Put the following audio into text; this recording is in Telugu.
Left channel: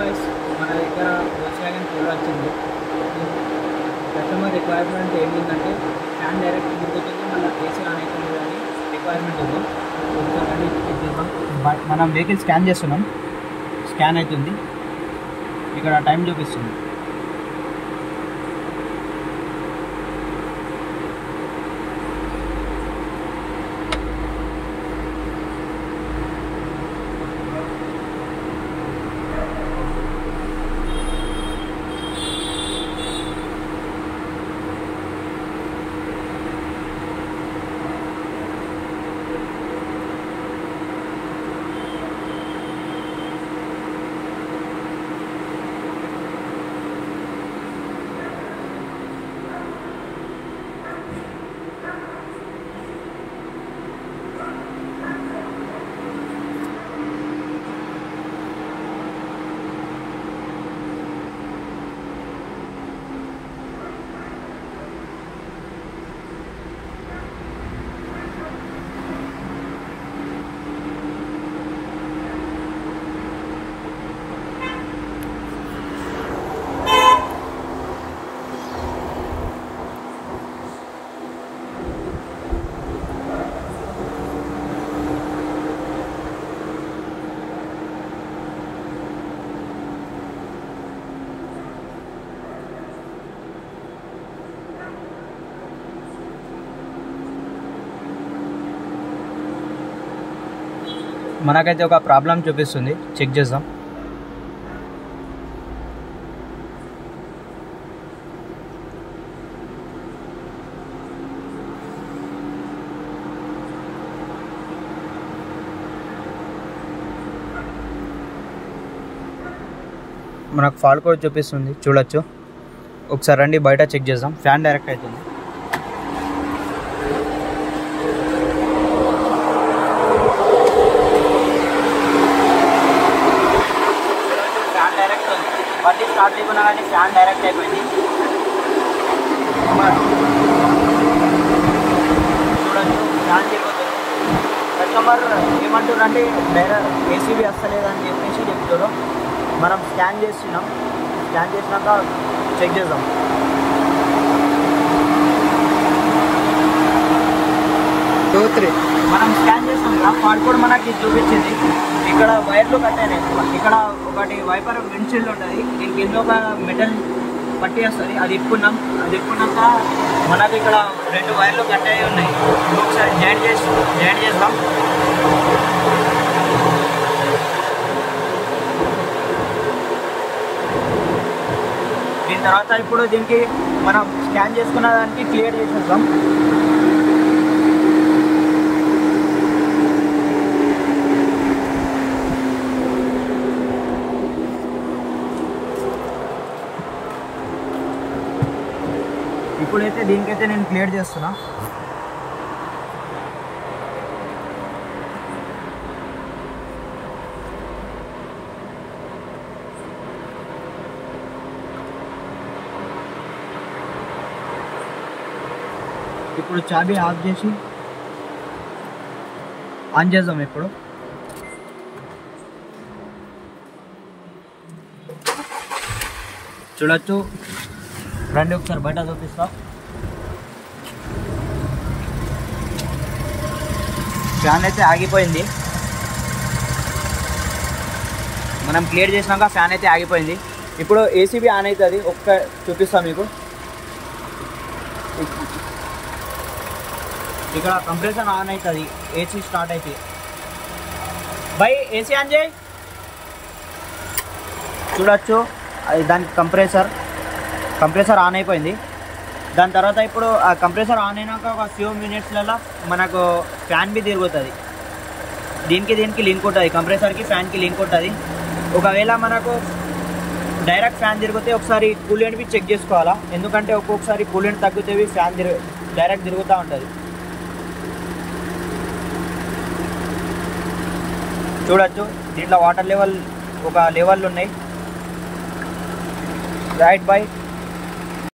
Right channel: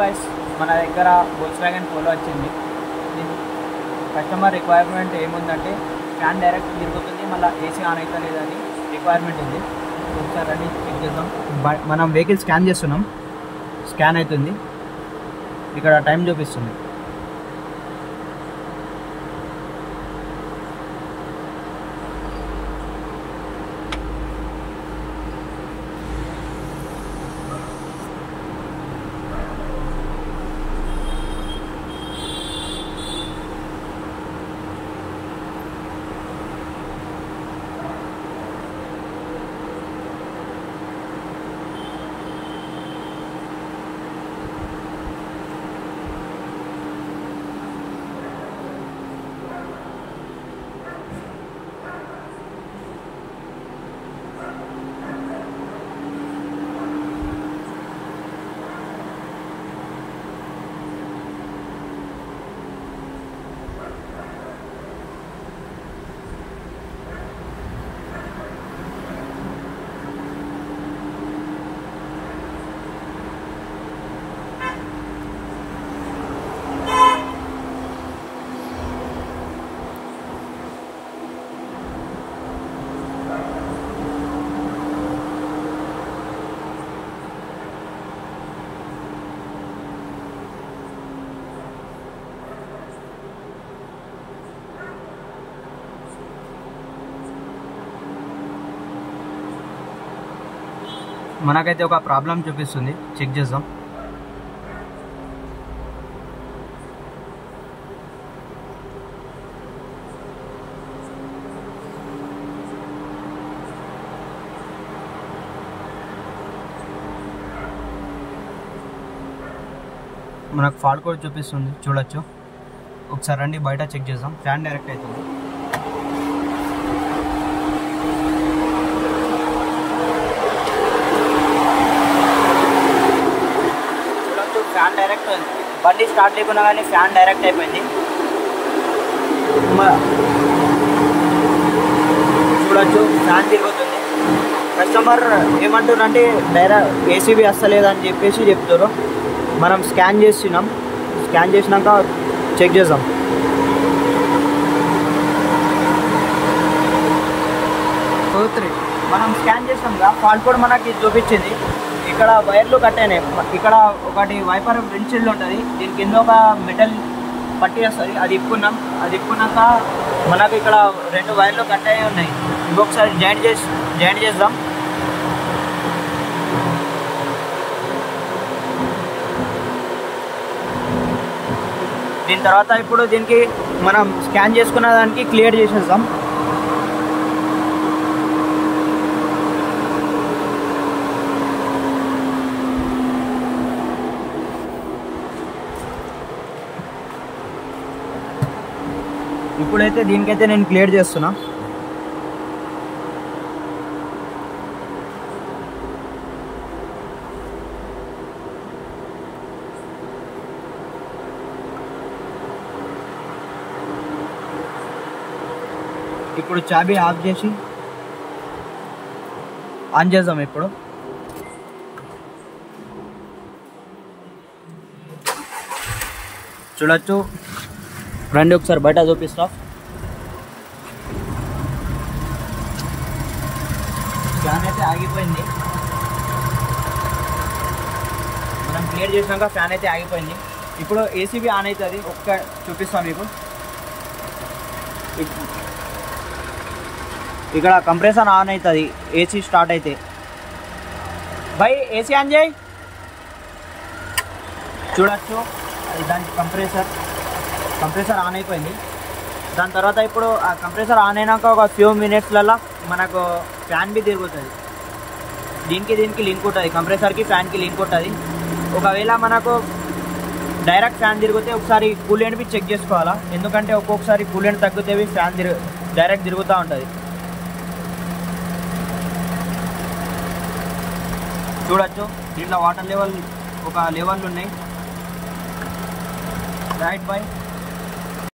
గైస్ మన దగ్గర వోల్క్స్వాగన్ పోలో వచ్చింది. కస్టమర్ రిక్వైర్మెంట్ ఏముందంటే ఫ్యాన్ డైరెక్ట్ తిరుగుతుంది, మళ్ళీ ఏసీ ఆన్ అయితే లేదని రిక్వైర్మెంట్ ఉంది. ఒకసారి అది చెక్ చేద్దాం. మనం వెహికల్ స్కాన్ చేస్తున్నాం, స్కాన్ అవుతుంది, ఇక్కడ టైం చూపిస్తుంది. మనకైతే ఒక ప్రాబ్లం చూపిస్తుంది, చెక్ చేద్దాం. మనకు ఫాల్ట్ కోడ్ చూపిస్తుంది, చూడొచ్చు. ఒకసారి రండి బయట చెక్ చేద్దాం. ఫ్యాన్ డైరెక్ట్ అవుతుంది. బండి స్టార్ట్ లేకున్నా కానీ ఫ్యాన్ డైరెక్ట్ అయిపోయింది. చూడొచ్చు, ఫ్యాన్ తిరుగుతుంది. కస్టమర్ ఏమంటున్నారంటే డైరెక్ట్ ఏసీబీ వస్తలేదని చెప్పేసి చెప్తారు. మనం స్కాన్ చేస్తున్నాం, స్కాన్ చేసినాక చెక్ చేద్దాం. మనం స్కాన్ చేసాం కదా, ఫాల్ట్ కోడ్ మనకి చూపించింది. ఇక్కడ వైర్లు కట్ అయినాయి. ఇక్కడ ఒకటి వైపర్ విండ్షీల్డ్ ఉంటుంది, దీని కింద ఒక మెటల్ పట్టి వస్తుంది, అది ఇప్పుకున్నాం. అది ఇప్పుకున్నాక మనకి ఇక్కడ 2 వైర్లు కట్ అయ్యి ఉన్నాయి. ఇంకొకసారి జాయింట్ చేద్దాం. దీని తర్వాత ఇప్పుడు దీనికి మనం స్కాన్ చేసుకున్న దానికి క్లియర్ చేసేద్దాం. ఇప్పుడైతే దీనికైతే నేను క్లియర్ చేస్తున్నా. ఇప్పుడు చాబీ ఆఫ్ చేసి ఆన్ చేద్దాం. ఇప్పుడు చూడొచ్చు, రండి ఒకసారి బయట చూపిస్తా. ఫ్యాన్ అయితే ఆగిపోయింది. మనం క్లియర్ చేసినాక ఫ్యాన్ అయితే ఆగిపోయింది. ఇప్పుడు ఏసీబీ ఆన్ అవుతుంది, ఒక్క చూపిస్తాను మీకు. ఇక్కడ కంప్రెసర్ ఆన్ అవుతుంది, ఏసీ స్టార్ట్ అయితే. బై ఏసీ ఆన్ చేయి. చూడొచ్చు, దానికి కంప్రెసర్ ఆన్ అయిపోయింది. దాని తర్వాత ఇప్పుడు ఆ కంప్రెసర్ ఆన్ అయినాక ఒక ఫ్యూ మినిట్స్లలో మనకు ఫ్యాన్ బి తిరుగుతుంది. దీనికి లింక్ ఉంటుంది, కంప్రెసర్కి ఫ్యాన్కి లింక్ ఉంటుంది. ఒకవేళ మనకు డైరెక్ట్ ఫ్యాన్ తిరిగితే ఒకసారి కూలెంట్ బి చెక్ చేసుకోవాలా, ఎందుకంటే ఒక్కొక్కసారి కూలెంట్ తగ్గితే ఫ్యాన్ డైరెక్ట్ తిరుగుతూ ఉంటుంది. చూడొచ్చు, దీంట్లో వాటర్ లెవెల్ ఒక లెవెల్ ఉన్నాయి. Right by.